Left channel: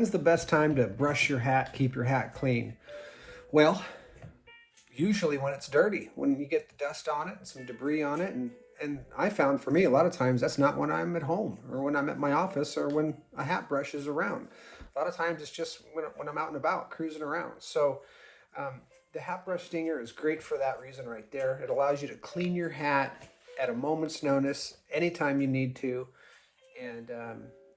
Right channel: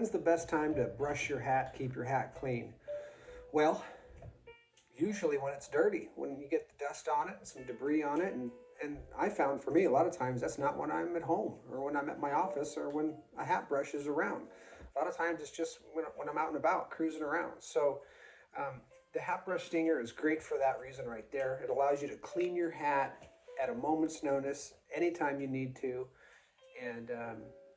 When's the best time to brush your hat, keep your hat clean? Well, usually when it's dirty, when you get the dust on it and some debris on it. And I found for me, a lot of times that's not when I'm at home or when I'm at my office or when a hat brush is around. A lot of times it's just when I'm out and about cruising around. So the hat brush stinger is great for that reason right there. It allows you to clean your hat at a moment's notice, anytime you need to. And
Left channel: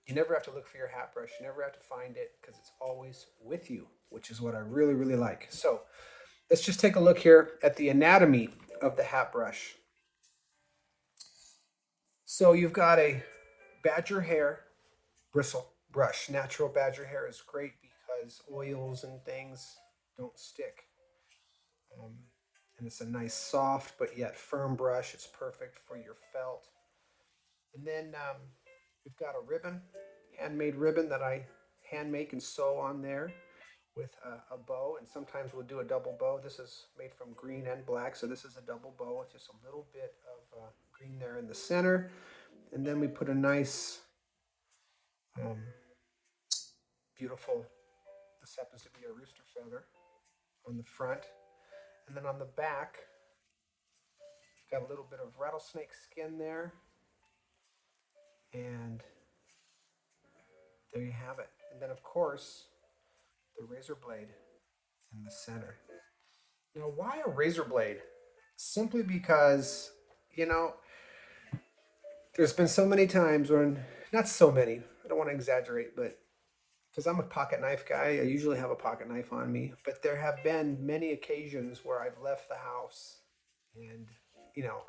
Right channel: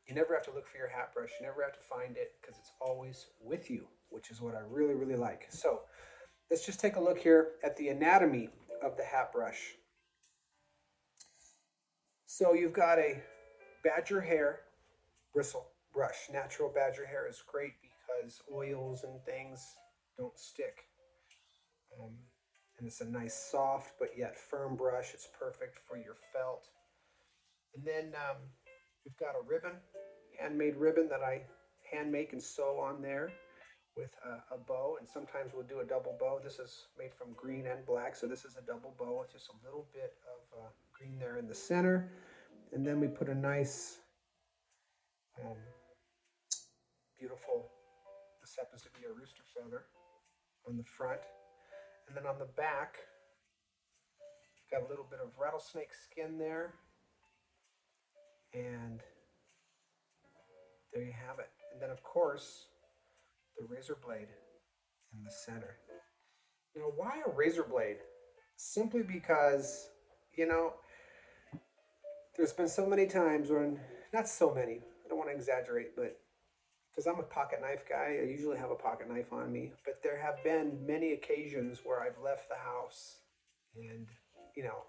you never have to look for your hat brush. You never have to find it because it's always with you, which is what I really, really like. So let's just take a look here at the anatomy of the hat brush. So you've got a badger hair bristle brush. Natural badger hair is great because oils and things don't stick. Um, and it's a nice soft but yet firm brush. It's perfect for your felt. And then we've got a ribbon, handmade ribbon that I hand make and sew on there with a bow. And sometimes we'll do a double bow. This is made from green and black, so this is a double bow with just a little bit of green there in the center. And then we put a nice, um, beautiful, this happens to be a rooster feather on the front. And then on the back, got a little bit of rattlesnake skin there. And there you have it. And then, of course, the razor blade in the center. Now, why a razor blade? Simply because, you know, there's been so many times when, not so many, I don't want to exaggerate, but because I'm a pocket knife guy, I usually have a pocket knife on me. But there have been many occasions where I've left the house and,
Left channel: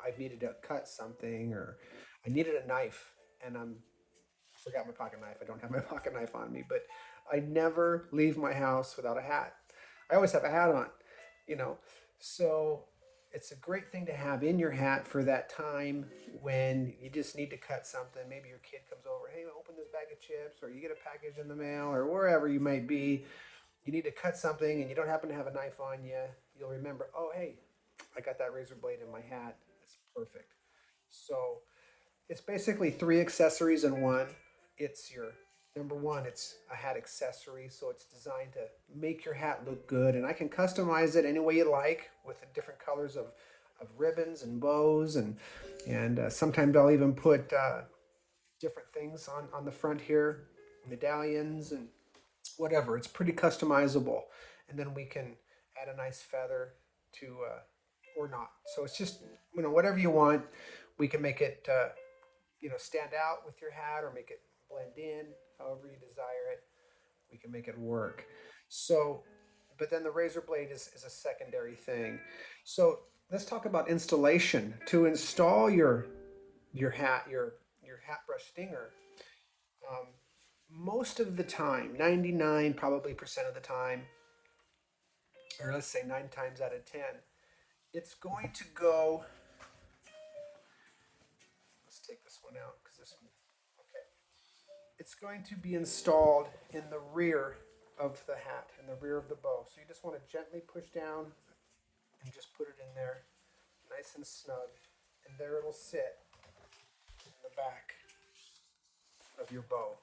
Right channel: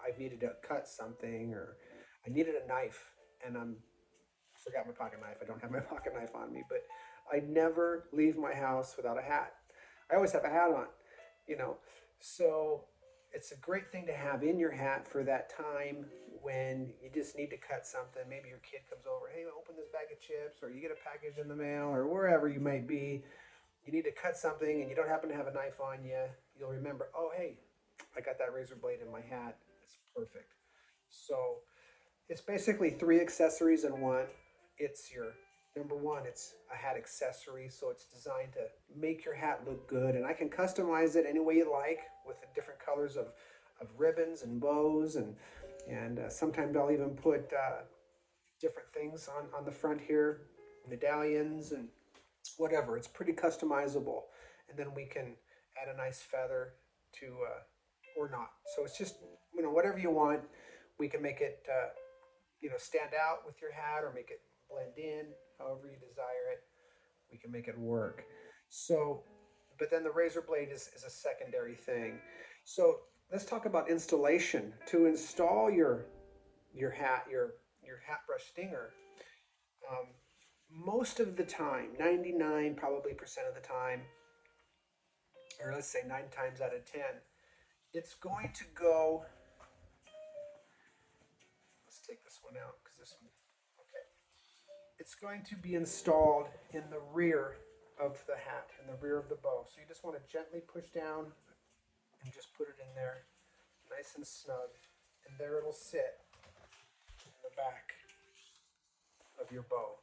I've needed to cut something or I needed a knife and I forgot my pocket knife. I don't have my pocket knife on me, but I never leave my house without a hat. I always have a hat on, you know. So it's a great thing to have in your hat for that time when you just need to cut something. Maybe your kid comes over, hey, open this bag of chips, or you get a package in the mail, or wherever you might be. You need to cut something and you don't happen to have a knife on you. You'll remember, oh, hey, I got that razor blade in my hat. That's perfect. So it's basically three accessories in one. It's your number one, it's a hat accessory, so it's designed to make your hat look good. And I can customize it any way you like with the different colors of ribbons and bows, and sometimes I'll even put different things on the front here, medallions and whatever. It's pretty customizable, and then we can add a nice feather to or not. So it's just whatever you want. We can make it stand out with your hat or make it blend in, however you desire it. We can make it work. So, but then the razor blade is a secondary thing. So let's talk about installation. To install your hat, your hat brush stinger, um, most of the time, 99 probably percent of the time, or let's say 9 times out of 10, it's going to go. Let's take this one out because this one. Okay. It's going to be installed in the rear of the hat, in the rear of the bow. So you just want to gently push down and just put it in there, nice and snug, and there it'll sit in the back of your bow.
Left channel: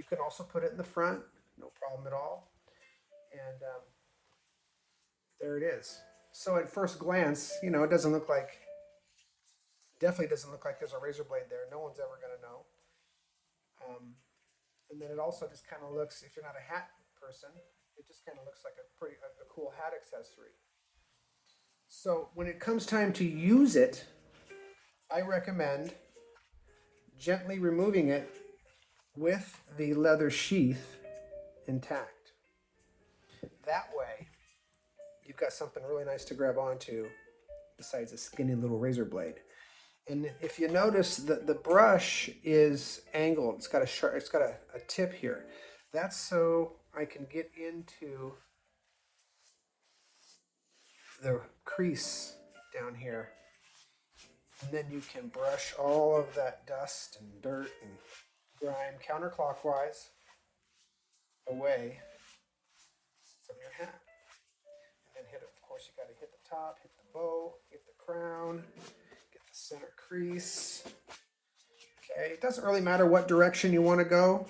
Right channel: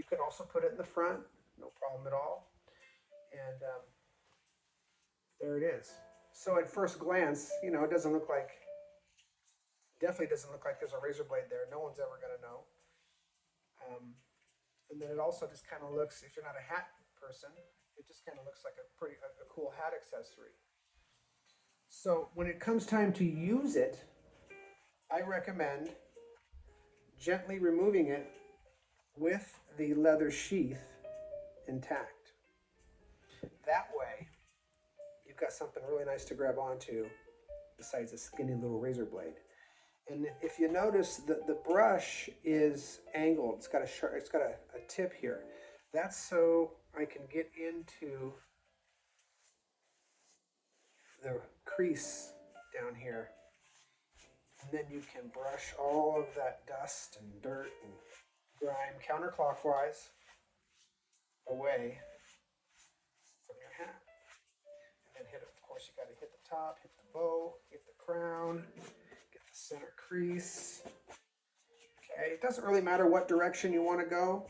You can also put it in the front, no problem at all. And there it is. So at first glance, it doesn't look like, definitely doesn't look like there's a razor blade there. No one's ever going to know. Um, and then it also just kind of looks, if you're not a hat person, it just kind of looks like a cool hat accessory. So when it comes time to use it, I recommend gently removing it with the leather sheath intact. That way, you've got something really nice to grab onto besides a skinny little razor blade. And if you notice, the brush is angled. It's got a tip here. That's so I can get into the crease down here. And then you can brush all of that dust and dirt and grime counterclockwise away from your hat. And then hit it, of course, you got to hit the top, hit the bow, get the crown, get the center crease. Okay, it doesn't really matter what direction you want to go,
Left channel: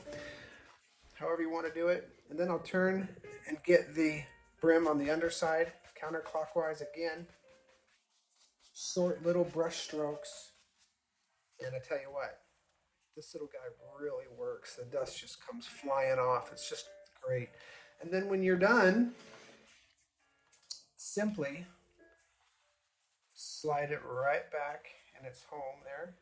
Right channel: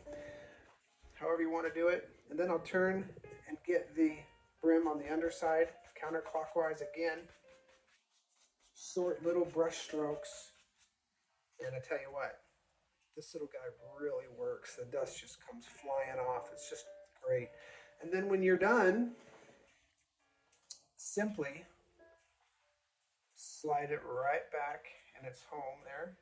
however you want to do it. And then I'll turn and get the brim on the underside, counterclockwise again. Short little brush strokes. And I tell you what, this little guy really works. The dust just comes flying off. It's just great. And then when you're done, simply slide it right back in its home there.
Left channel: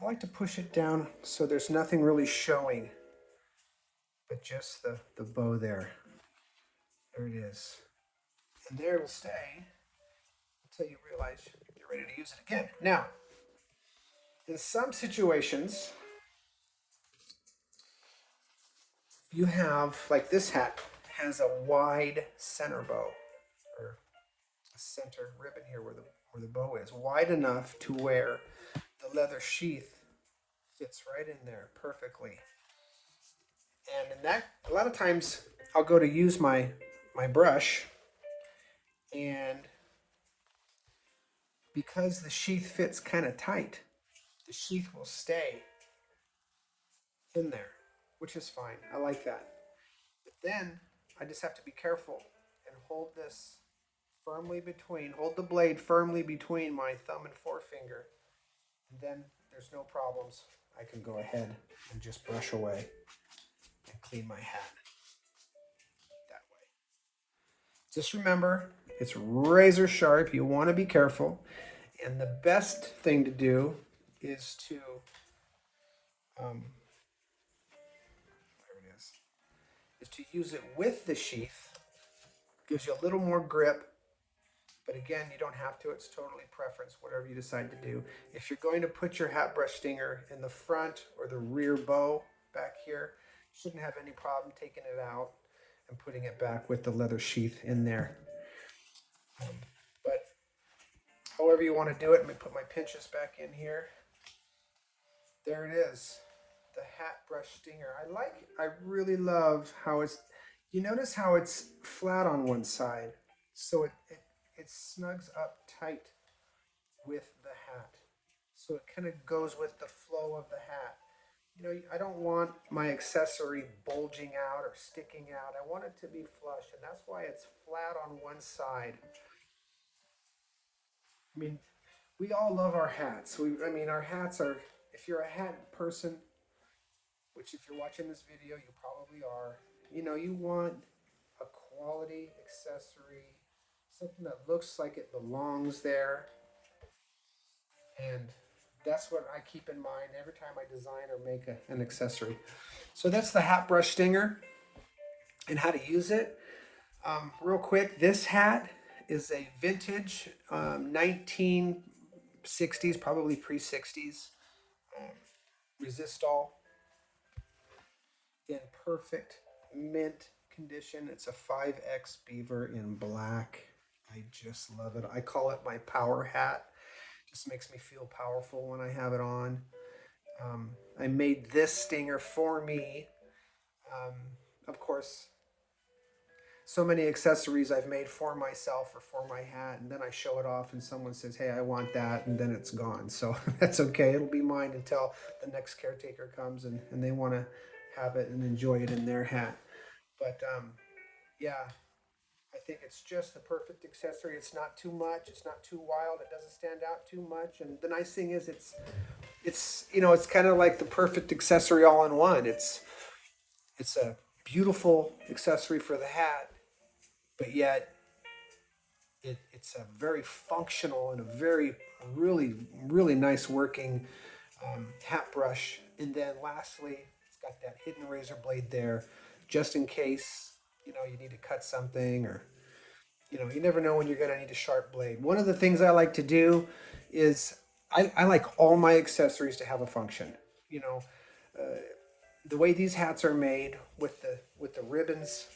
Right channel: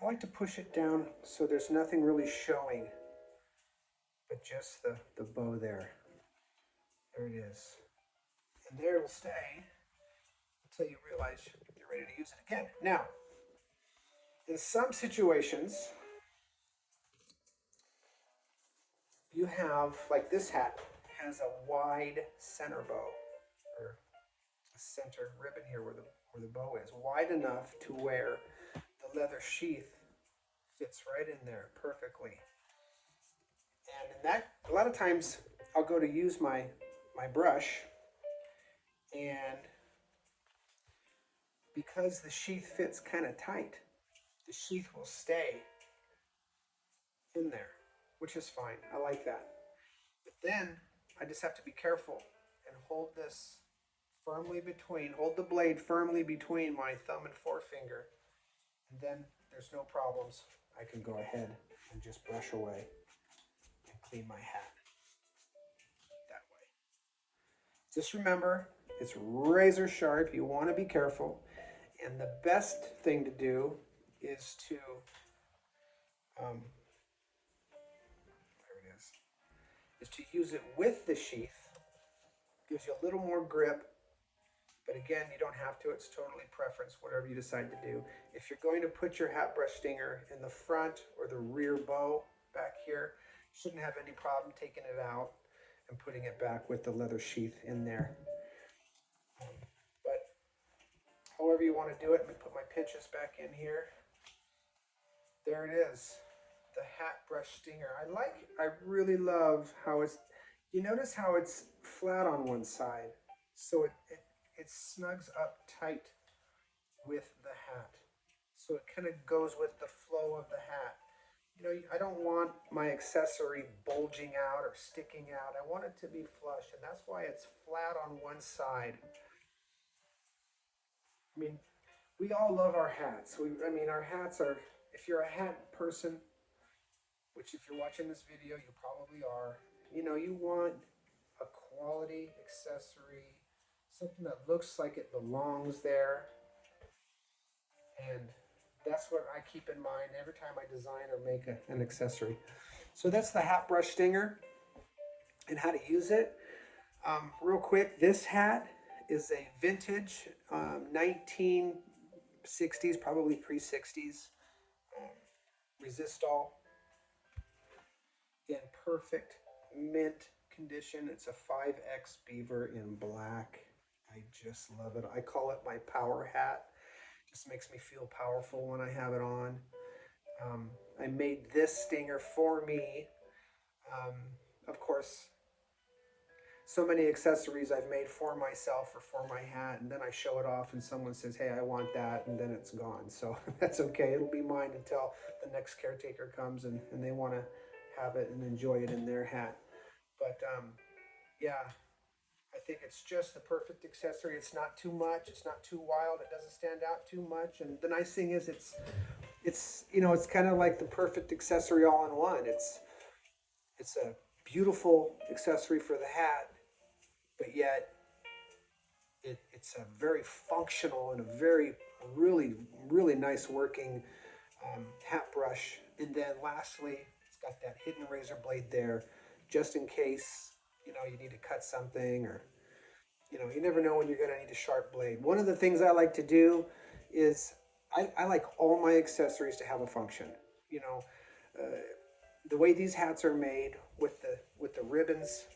I like to push it down so there's nothing really showing, but just the bow there. There it is. And there it'll stay until you realize you're ready to use it again. Now, in some situations, you have, like this hat has a wide center bow, or a center ribbon here where the bow is, wide enough to where the leather sheath fits right in there perfectly. And in that, a lot of times I'll go to use my brush, and because the sheath fits kind of tight, the sheath will stay in there, which is fine. I like that. But then I just have to be careful and hold this firmly between, hold the blade firmly between my thumb and forefinger, and then there's no problems. I can go ahead and just brush away and clean my hat that way. Just remember, it's razor sharp. You want to be careful. And the best thing to do is to, use it with the sheath. Gives you a little more grip. But again, you don't have to. It's totally preference, whatever you decide to do. If you're going to put your hat brush stinger in the front or the rear bow back here, you shouldn't have any problem taking it out and putting it back with the leather sheath in there. But however you want to do it, let me put my pinches back in here. There it is, the hat brush stinger. I really love how it's, you notice how it's flat on one side, so it snugs up tight with the hat. So it kind of goes with the flow of the hat. You know, I don't want my accessory bulging out or sticking out. I want it to be flush, and that's why it's flat on one side. I mean, we all love our hats. Our hats are, if you're a hat person, which if you're watching this video, you probably are, you know, you want a quality accessory, something that looks like it belongs there. And that's what I keep in mind every time I design or make an accessory. So that's the hat brush stinger and how to use it. Real quick, this hat is a vintage 1960s, probably pre-60s Resistol in perfect mint condition. It's a 5X beaver in black. I just love it. I call it my power hat. Just makes me feel powerful when I have it on. I made this stinger for me. Of course, so many accessories I've made for myself or for my hat, and then I show it off and someone says, hey, I want that, and then it's gone. So that's okay. It'll be mine until the next caretaker comes and they want to have it and enjoy it in their hat. But yeah, I think it's just the perfect accessory. It's not too much. It's not too wild. It doesn't stand out too much. And the nice thing is it's you know, it's kind of like the perfect accessory all in one. It's a beautiful accessory for the hat, but yet it's a very functional and a very really nice working hat brush. And then lastly, it's got that hidden razor blade there, just in case, you know, you need to cut something, or you know, you never know when you're going to need a sharp blade. One of the things I like to do is I like all my accessories to have a function. You know, the way these hats are made with the ribbons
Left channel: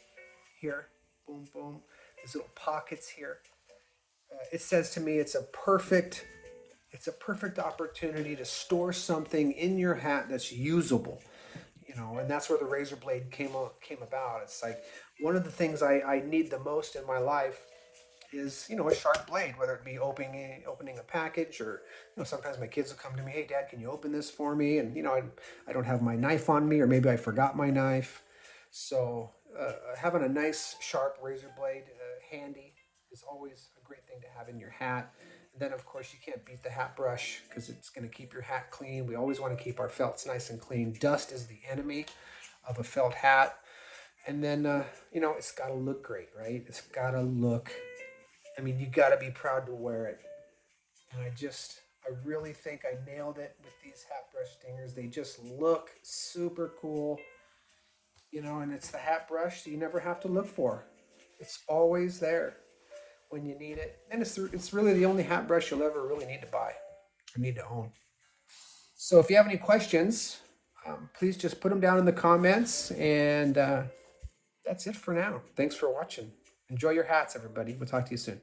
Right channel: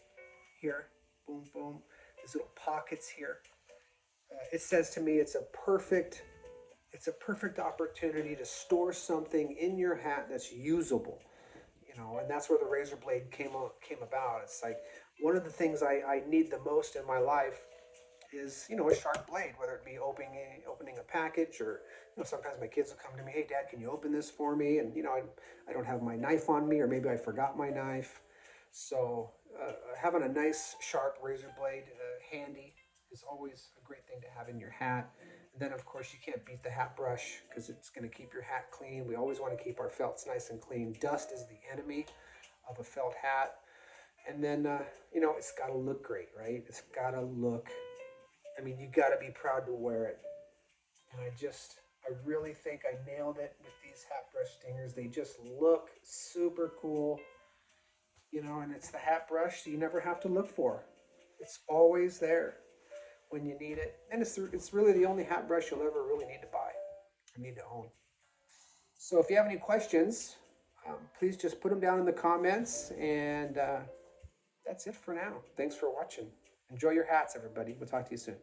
here, boom boom, these little pockets here. It says to me it's a perfect opportunity to store something in your hat that's usable. You know, and that's where the razor blade came about. It's like one of the things I need the most in my life is, you know, a sharp blade, whether it be opening a package, or, you know, sometimes my kids will come to me, hey Dad, can you open this for me? And, you know, I don't have my knife on me, or maybe I forgot my knife. So having a nice sharp razor blade handy is always a great thing to have in your hat. And then of course you can't beat the hat brush because it's going to keep your hat clean. We always want to keep our felts nice and clean. Dust is the enemy of a felt hat. And then it's got to look great, right? It's got to look. I mean, you got to be proud to wear it. And I really think I nailed it with these hat brush stingers. They just look super cool, and it's the hat brush you never have to look for. It's always there when you need it. And it's really the only hat brush you'll ever really need to buy or need to own. So if you have any questions, please just put them down in the comments. And that's it for now. Thanks for watching. Enjoy your hats, everybody. We'll talk to you soon.